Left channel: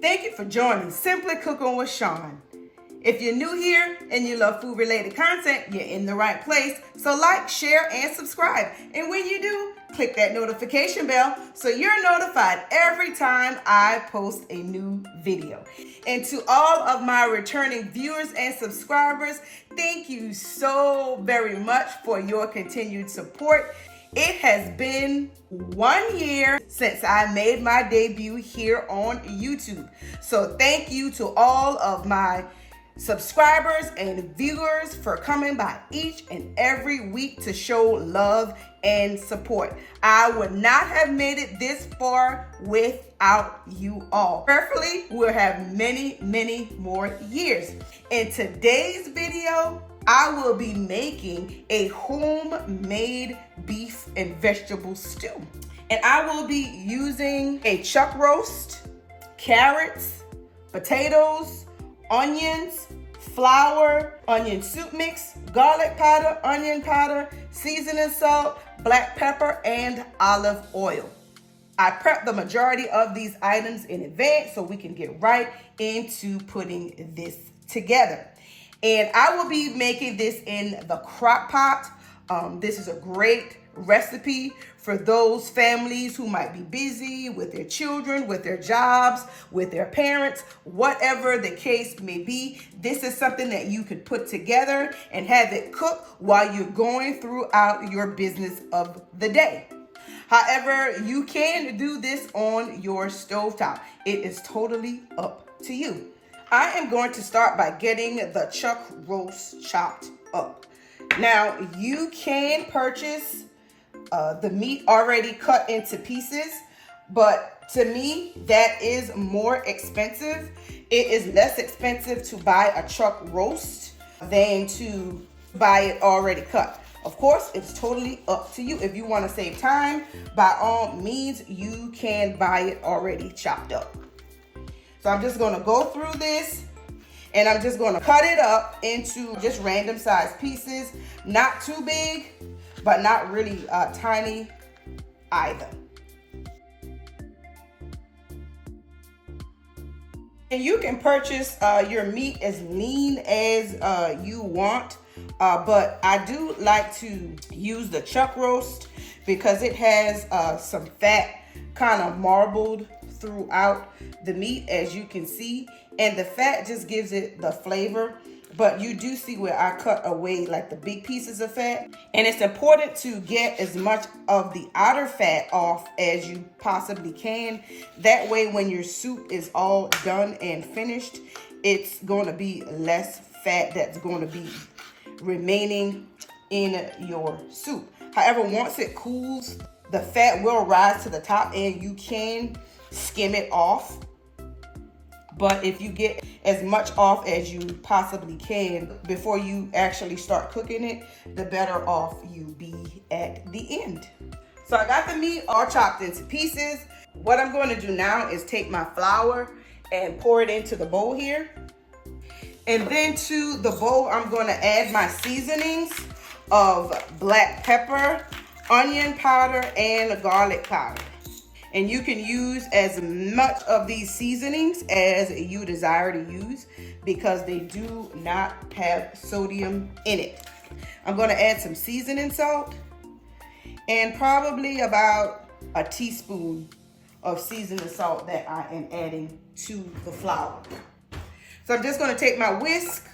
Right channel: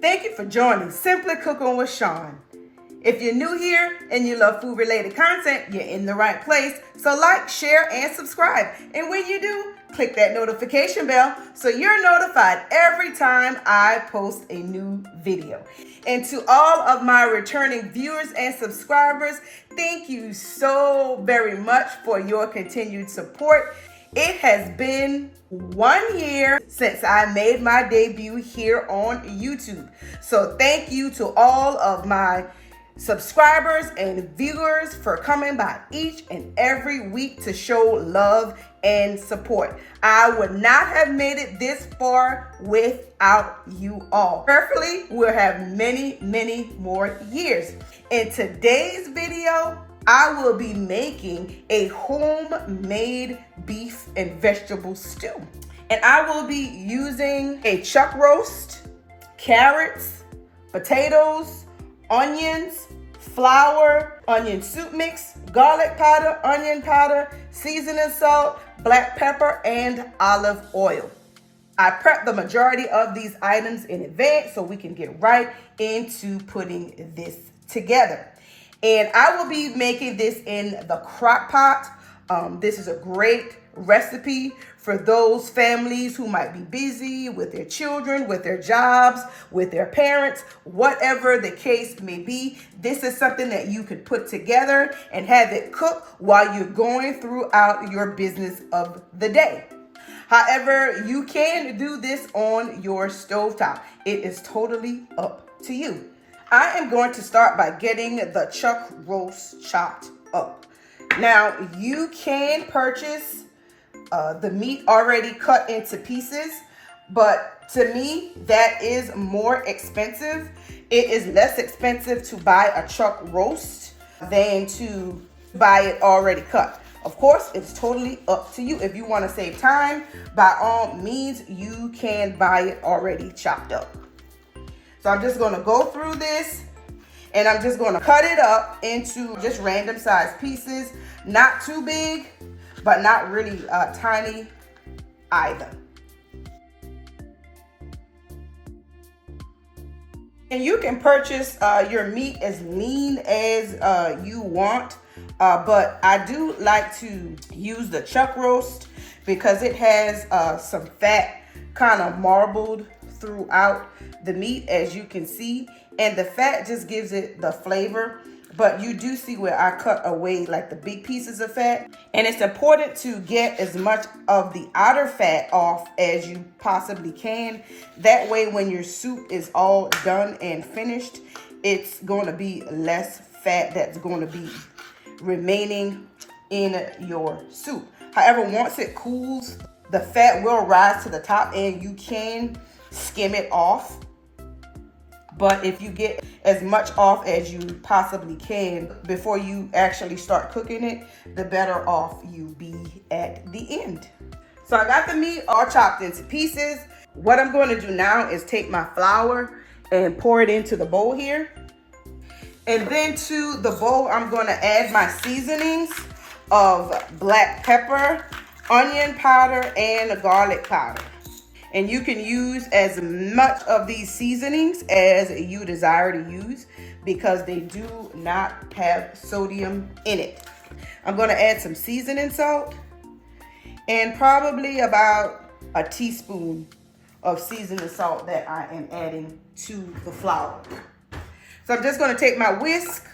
Thank you for joining Simply Cooking with Shawn. If you're new here and you love food related content, you're in the right place. So like, share, and subscribe. And when you do, click that notification bell so you're notified every time I post a new video. And to all of my returning viewers and subscribers, thank you so very much for your continued support. It has been 1 year since I made my debut here on YouTube. So thank you to all of my subscribers and viewers for coming by each and every week to show love and support. I would not have made it this far without you all. Prayerfully, we'll have many, many more years. In today's video, I will be making a homemade beef and vegetable stew. And I will be using a chuck roast, carrots, potatoes, onions, flour, onion soup mix, garlic powder, onion powder, seasoning salt, black pepper, and olive oil. I prepped the majority of these items in advance so we can get right into putting this together. And I will be making this in the crock pot. This is a great recipe for those families who might be busy with their children, with their jobs, with their parents, whatever the case may be. This is something that you could put together and have it cook while you're going throughout your business of the day. However, you can do this on your stovetop. It is totally up to you. I am going to start by getting the chuck roast chopped up. Now, you can purchase the meat already cut into pieces, but to me, that is more expensive. It is less expensive to buy a chuck roast than to buy it already cut. Of course, it's totally up to you. If you want to save time, by all means, you can buy it already chopped up. So I'm just going to go through this and I'm just going to cut it up into just random size pieces. Not too big, but not really tiny either. And you can purchase your meat as lean as you want. But I do like to use the chuck roast because it has some fat kind of marbled throughout the meat, as you can see, and the fat just gives it the flavor. But you do see where I cut away like the big pieces of fat, and it's important to get as much of the outer fat off as you possibly can. That way, when your soup is all done and finished, it's going to be less fat that's going to be remaining in your soup. However, once it cools, the fat will rise to the top and you can skim it off. But if you get as much off as you possibly can before you actually start cooking it, the better off you be at the end. So I got the meat all chopped into pieces. What I'm going to do now is take my flour and pour it into the bowl here. And then to the bowl, I'm going to add my seasonings of black pepper, onion powder, and garlic powder. And you can use as much of these seasonings as you desire to use because they do not have sodium in it. I'm going to add some seasoning salt and probably about a teaspoon of seasoning salt that I am adding to the flour. So I'm just going to take my whisk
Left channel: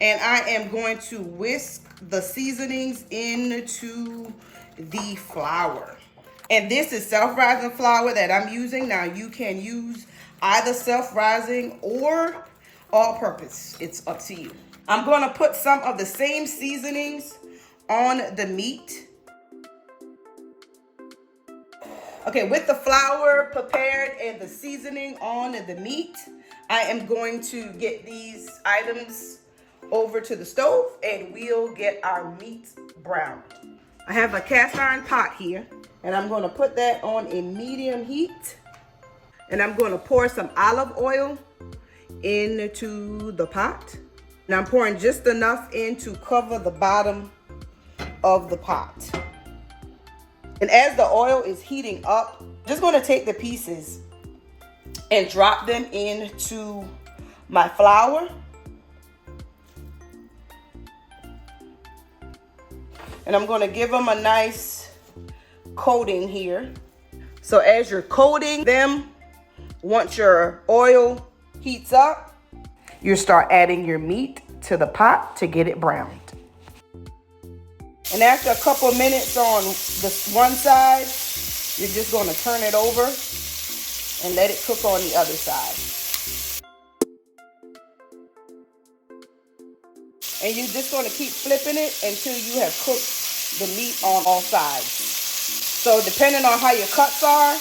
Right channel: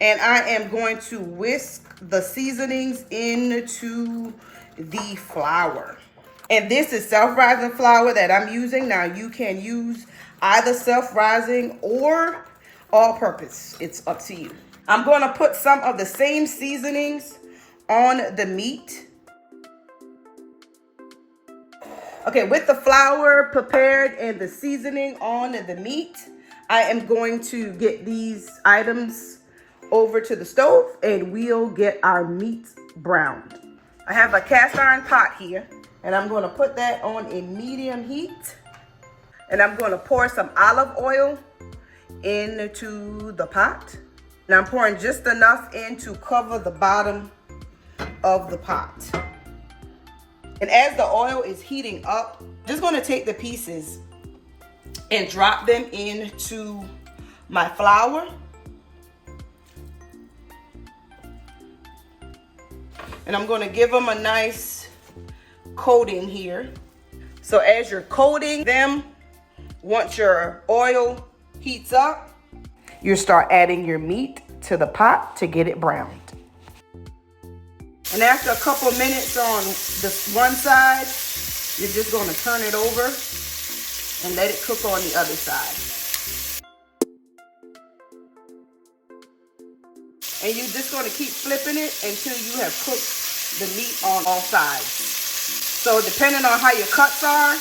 and I am going to whisk the seasonings into the flour. And this is self-rising flour that I'm using. Now you can use either self-rising or all-purpose. It's up to you. I'm going to put some of the same seasonings on the meat. Okay, with the flour prepared and the seasoning on the meat, I am going to get these items over to the stove and we'll get our meat browned. I have a cast iron pot here and I'm going to put that on a medium heat and I'm going to pour some olive oil into the pot. And I'm pouring just enough in to cover the bottom of the pot. And as the oil is heating up, I'm just going to take the pieces and drop them into my flour. And I'm going to give them a nice coating here. So as you're coating them, once your oil heats up, you start adding your meat to the pot to get it browned. And after a couple minutes on the one side, you're just going to turn it over and let it cook on the other side. And you're just going to keep flipping it until you have cooked the meat on all sides. So depending on how your cuts are,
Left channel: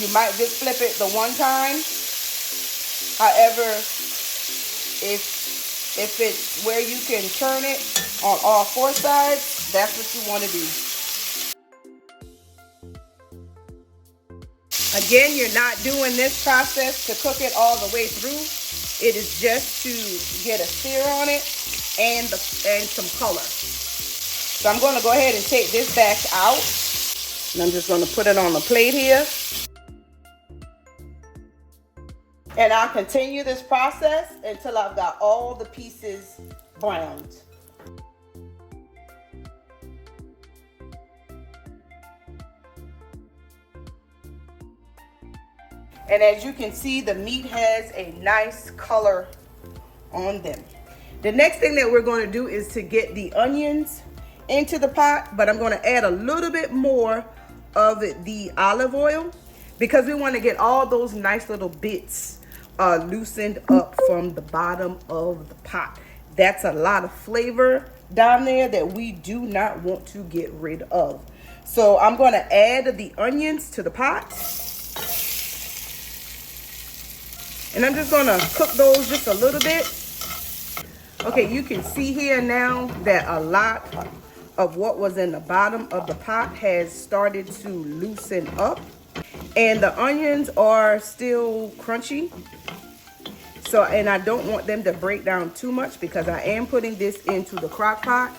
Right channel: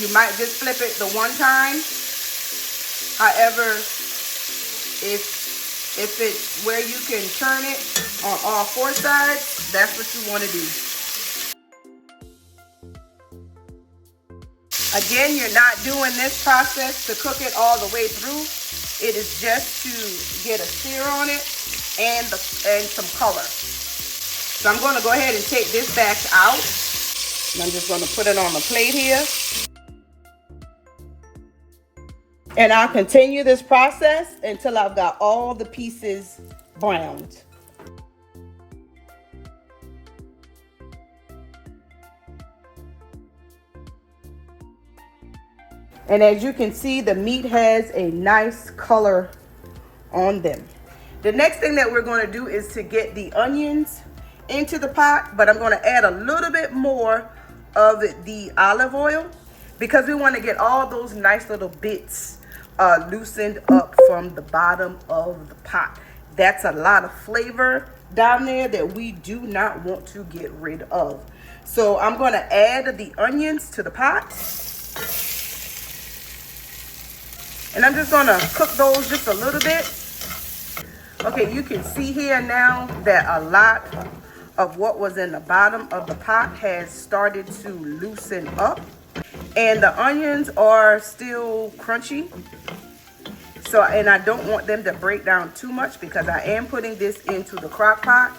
you might just flip it the one time. However, if it's where you can turn it on all four sides, that's what you want to do. Again, you're not doing this process to cook it all the way through. It is just to get a sear on it and some color. So I'm going to go ahead and take this batch out. And I'm just going to put it on the plate here. And I'll continue this process until I've got all the pieces browned. And as you can see, the meat has a nice color on them. The next thing that we're going to do is to get the onions into the pot, but I'm going to add a little bit more of the olive oil because we want to get all those nice little bits loosened up from the bottom of the pot. That's a lot of flavor down there that we do not want to get rid of. So I'm going to add the onions to the pot. And I'm just going to cook those just a little bit. Okay, you can see here now that a lot of what was in the bottom of the pot has started to loosen up. And the onions are still crunchy. So, and I don't want them to break down too much because I am putting this into the crock pot.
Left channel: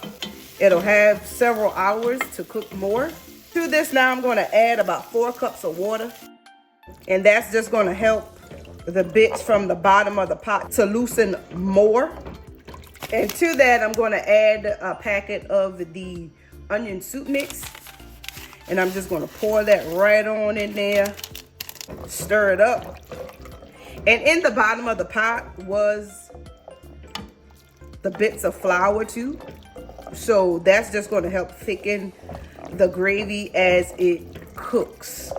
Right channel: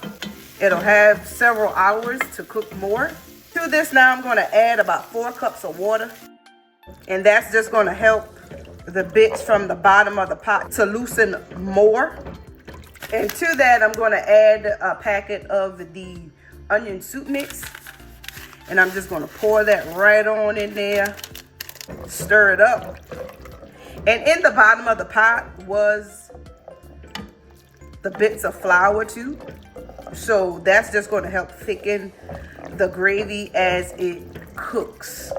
It'll have several hours to cook more. To this now, I'm going to add about 4 cups of water. And that's just going to help the bits from the bottom of the pot to loosen more. And to that, I'm going to add a packet of the onion soup mix. And I'm just going to pour that right on in there, stir it up. And in the bottom of the pot was the bits of flour too. So that's just going to help thicken the gravy as it cooks.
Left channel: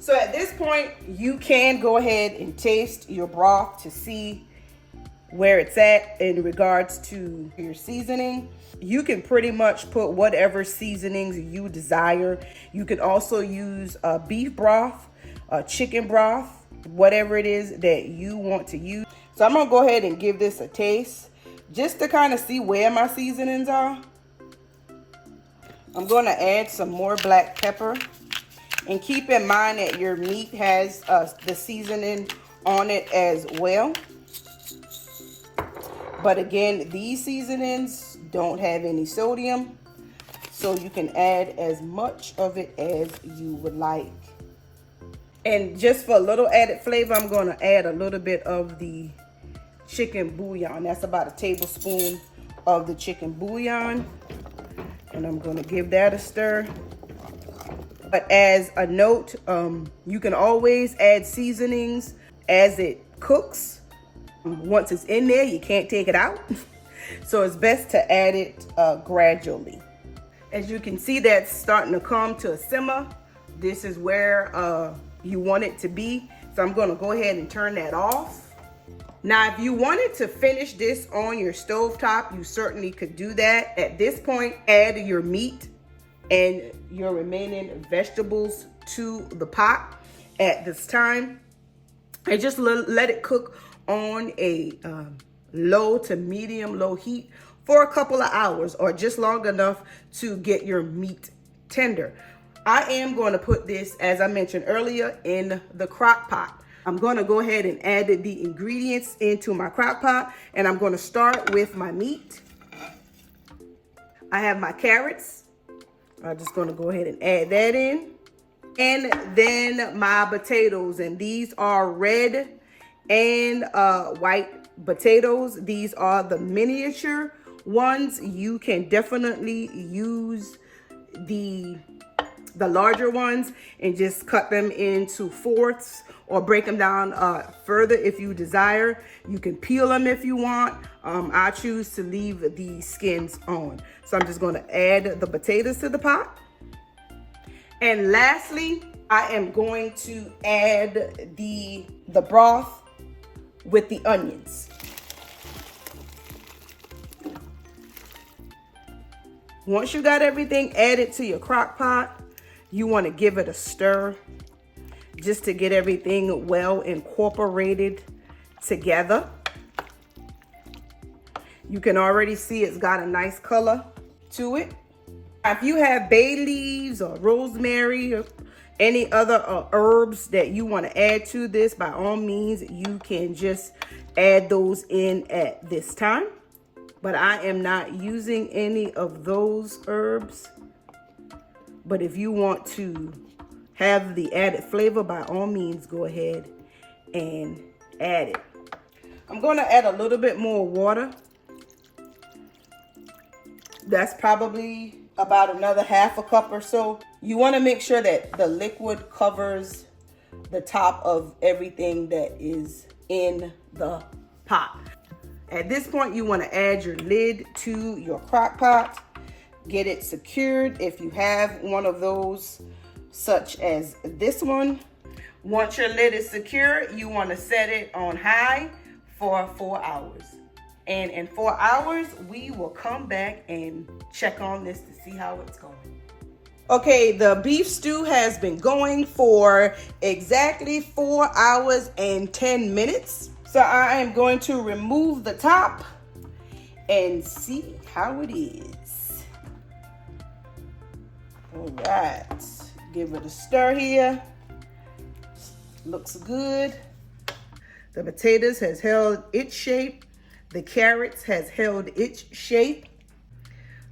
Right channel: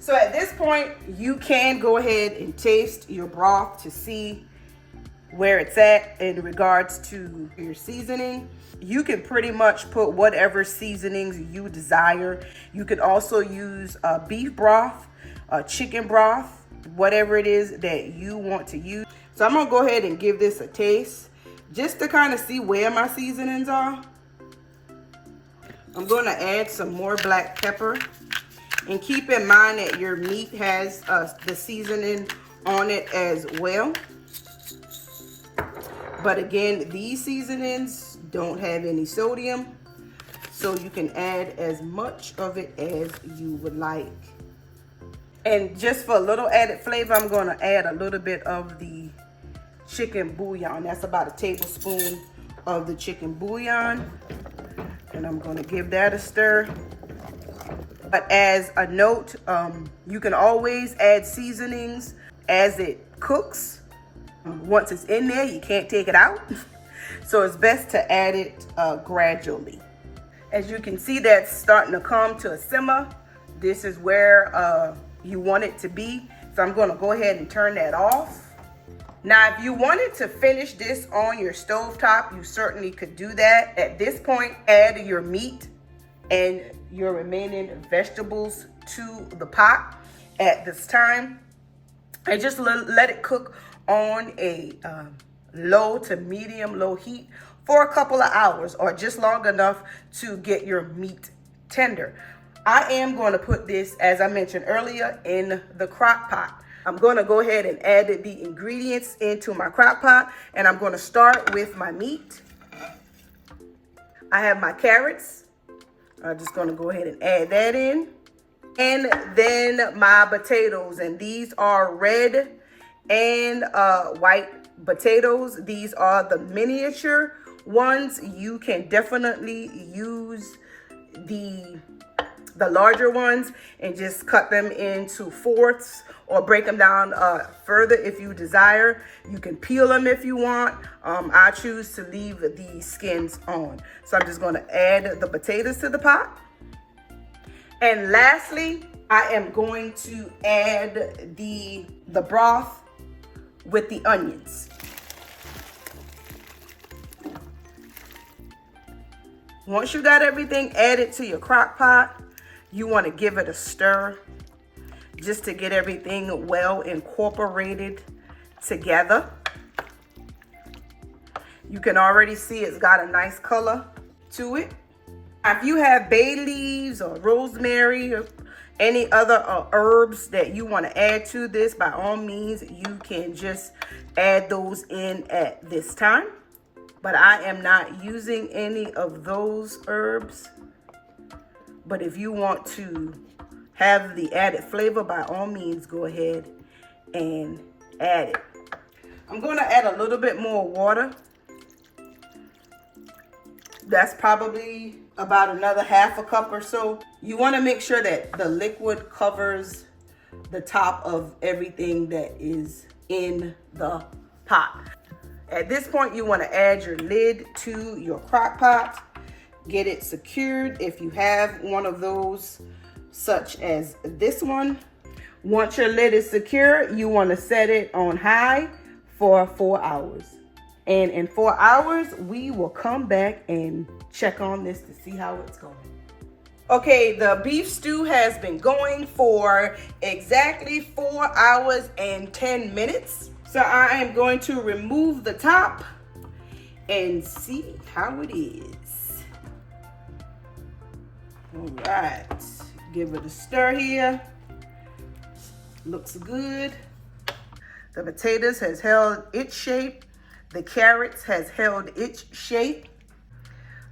So at this point, you can go ahead and taste your broth to see where it's at in regards to your seasoning. You can pretty much put whatever seasonings you desire. You can also use beef broth, chicken broth, whatever it is that you want to use. So I'm gonna go ahead and give this a taste just to kind of see where my seasonings are. I'm gonna add some more black pepper. And keep in mind that your meat has the seasoning on it as well. But again, these seasonings don't have any sodium, so you can add as much of it as you would like. And just for a little added flavor, I'm going to add a little bit of the chicken bouillon. That's about a tablespoon of the chicken bouillon. And I'm going to give that a stir. But as a note, you can always add seasonings as it cooks. Once it's in there, you can't take it out. So it's best to add it gradually. As you can see, that's starting to come to a simmer. This is where you want it to be. So I'm going to go ahead and turn that off. Now, if you wanted to finish this on your stovetop, you certainly could do that. At this point, add your meat and your remaining vegetables to the pot at this time. And just let it cook on a low to medium low heat for a couple of hours, or just long enough to get your meat tender. I am going to put this, as I mentioned earlier, in the crock pot. I'm going to go ahead and add the ingredients into my crock pot, and I'm going to start with my meat. I have my carrots. I'm just going to go ahead and add that in. And then my potatoes, and these are red and white potatoes. These are the miniature ones. You can definitely use the larger ones and just cut them into fourths or break them down further if you desire. You can peel them if you want. I choose to leave the skins on. So I'm just going to add the potatoes to the pot. And lastly, I am going to add the broth with the onions. Once you got everything added to your crock pot, you want to give it a stir just to get everything well incorporated together. You can already see it's got a nice color to it. If you have bay leaves or rosemary or any other herbs that you want to add to this, by all means, you can just add those in at this time. But I am not using any of those herbs. But if you want to have the added flavor, by all means, go ahead and add it. I'm going to add a little bit more water. That's probably about another half a cup or so. You want to make sure that the liquid covers the top of everything that is in the pot. At this point, you want to add your lid to your crock pot. Get it secured if you have one of those, such as this one. Once your lid is secure, you want to set it on high for 4 hours. And in 4 hours, we will come back and check on this to see how it's going. Okay, the beef stew has been going for exactly 4 hours and 10 minutes. So I am going to remove the top and see how it is. All right, give it a stir here. Looks good. The potatoes has held its shape. The carrots has held its shape.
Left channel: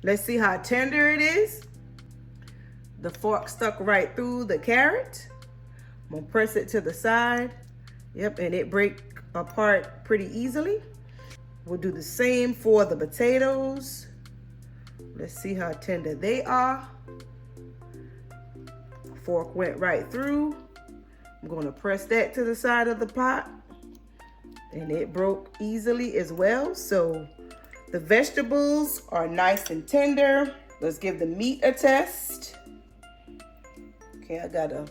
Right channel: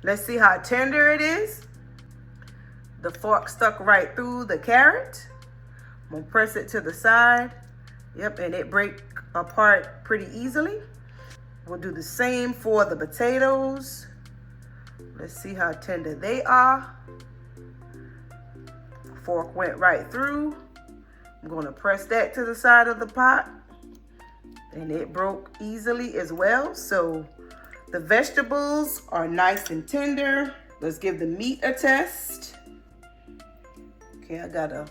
Let's see how tender it is. The fork stuck right through the carrot. I'm gonna press it to the side. Yep, and it break apart pretty easily. We'll do the same for the potatoes. Let's see how tender they are. Fork went right through. I'm gonna press that to the side of the pot. And it broke easily as well. So the vegetables are nice and tender. Let's give the meat a test. Okay, I got a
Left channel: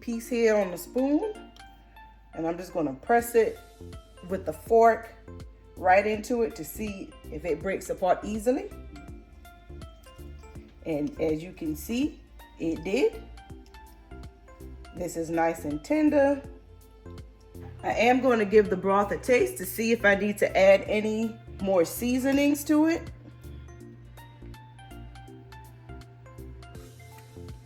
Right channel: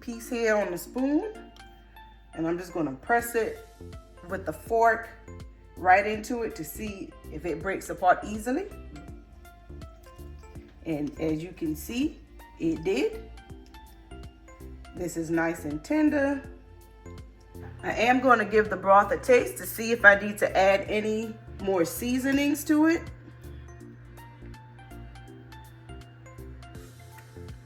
piece here on the spoon. And I'm just gonna press it with the fork right into it to see if it breaks apart easily. And as you can see, it did. This is nice and tender. I am going to give the broth a taste to see if I need to add any more seasonings to it.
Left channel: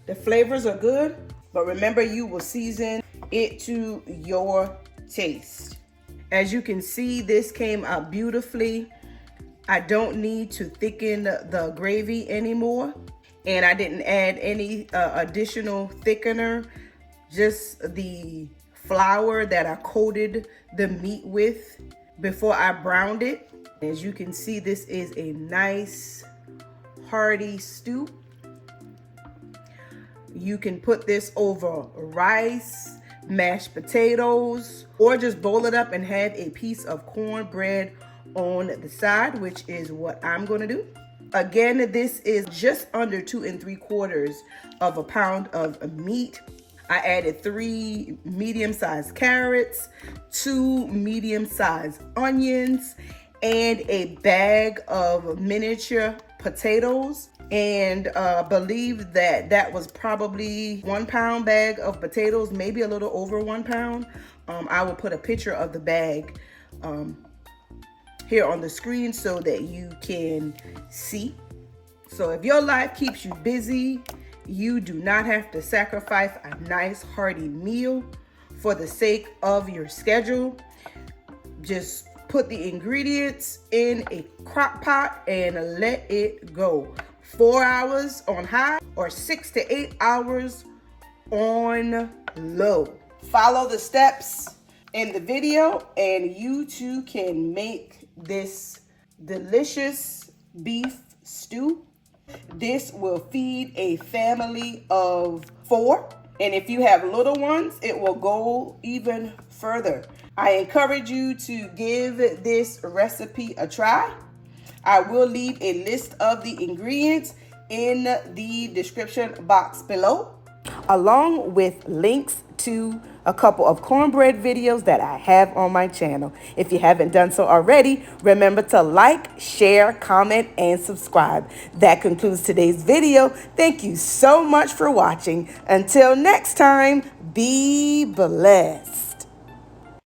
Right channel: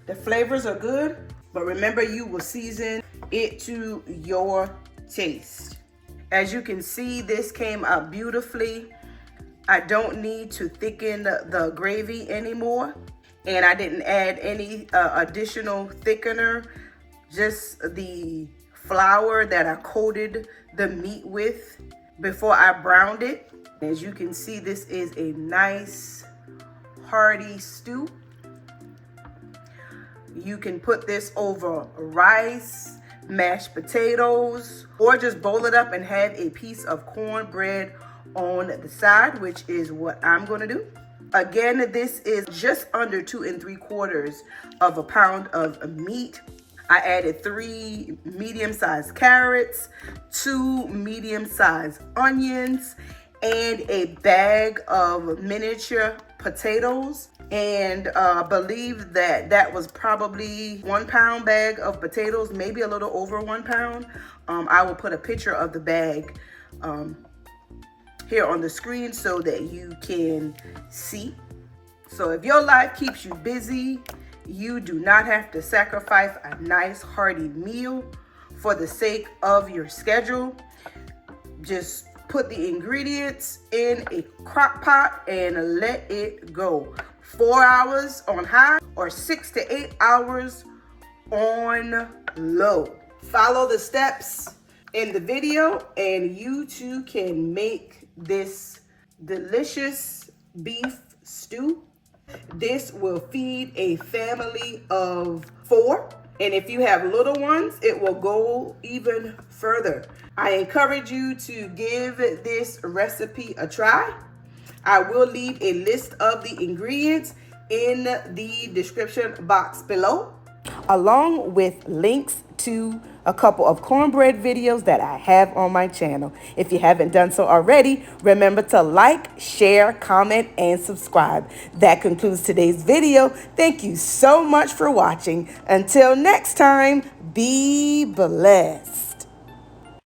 The flavors are good, but remember, you will season it to your taste. As you can see, this came out beautifully. I don't need to thicken the gravy anymore, and I didn't add any additional thickener, just the flour that I coated the meat with before I browned it. As you can see, this is a nice hearty stew. You can put this over rice, mashed potatoes, or just bowl it up and have a piece of cornbread on the side, which is what I'm gonna do. Again, this is just under 2 3/4 of a pound of meat. I added 3 medium-sized carrots, 2 medium-sized onions, and a bag of miniature potatoes. And believe that was probably 1 pound bag of potatoes, maybe a little over 1 pound. I will put a picture of the bag here on the screen so that you can see. So if your life keeps you busy, you do not have to sacrifice a nice hearty meal for the sake of your schedule. Just put the ingredients in a crock pot and let it go. 4 hours on high or 6 to 8 hours on low. Follow the steps in the video and you too can make this delicious beef stew. This will feed a family of 4. And if you have little ones, it will go even further. I encourage you to give this recipe a try. I will leave a list of the ingredients in the description box below, along with links to a couple of cornbread videos that I have on my channel. If you haven't done so already, remember to like, share, comment, and subscribe. That concludes today's video. Thank you so much for watching. Until next time, be blessed.